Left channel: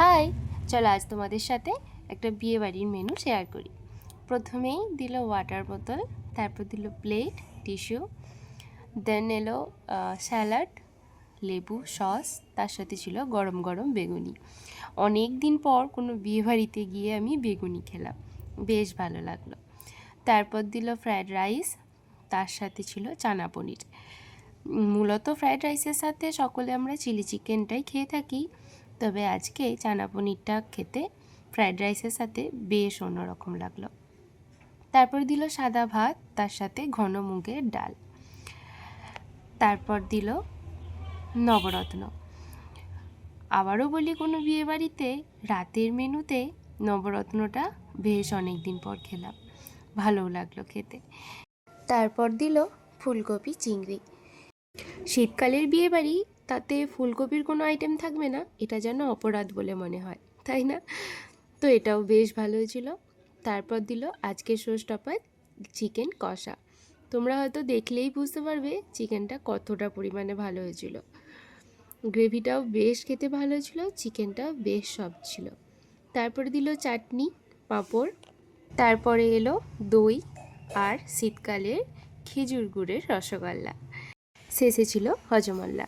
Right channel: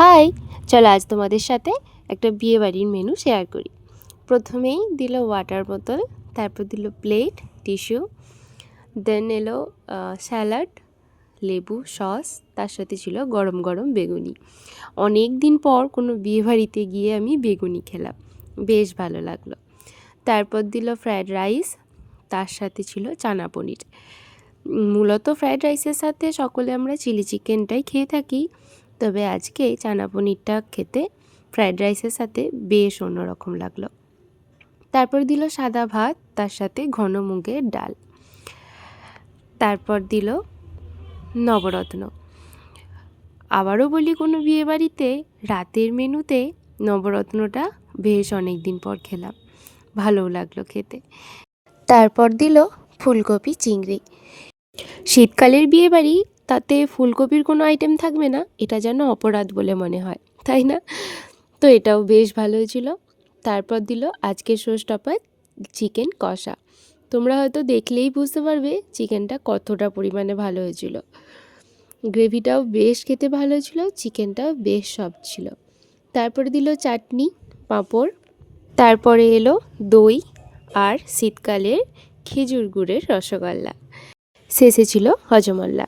High, চলো আজ তোমাদের সাথে একটা বিয়েবাড়ির মেনু শেয়ার করি। প্রথমেই দিল ওয়াটার বোতল, তারপর দিল প্লেট, টিস্যু, দেন এলো স্যালাড, লেবু, সস, তার সাথে ছিল গরম গরম বেগুনি। অনেক দিন পর কোনো বিয়েবাড়িতে গিয়ে আমি বেগুনি খেলাম, বেশ ভালো লাগলো। তারপর দিল ফ্রায়েড রাইস, তার সাথে ছিল চানা পনির। মূলত ফ্রায়েড রাইসের সাথে সকলে আমরা চিলি চিকেনটাই খেয়ে থাকি, তবে আজকে চানা পনিরটা খেতে ফ্রায়েড রাইসের সাথে বেশ অন্যরকম লাগলো। তারপর দিল সাদা ভাত, তার সাথে ঘন মুগের ডাল। তারপর দিল নবরত্ন। আবারও বলি, কোনো বিয়েবাড়িতে রাতের মেনুতে নবরত্নটা বেশ অনেক দিন পর খেলাম, ভালোও লাগলো খেতে। তারপর দিল ফুলকপি চিংড়ি। শীতকালের বিয়েবাড়ি, তাতে ফুলকপির কোনো আইটেম থাকবে না, এটা যেন অপরাধ বলে মনে হয়, তাই না? তো এটাও বেশ ভালো হয়েছিল। তারপর দিল আজকের শো স্টপার চিকেন কষা। তোমরা হয়তো দেখলেই বুঝতে পারবে চিকেনটা কতটা পরিমাণে ভালো হয়েছিল। গ্রেভিটাও বেশ খেতে ভালো ছিল, চিকেনটাও বেশ সফট ছিল। তারপরে দিল চাটনি, পাঁপড়, তারপরে এলো দই আর শীতকালের খেজুর গুড়ের রসগোল্লা, শেষে ছিল হজমোল্লা।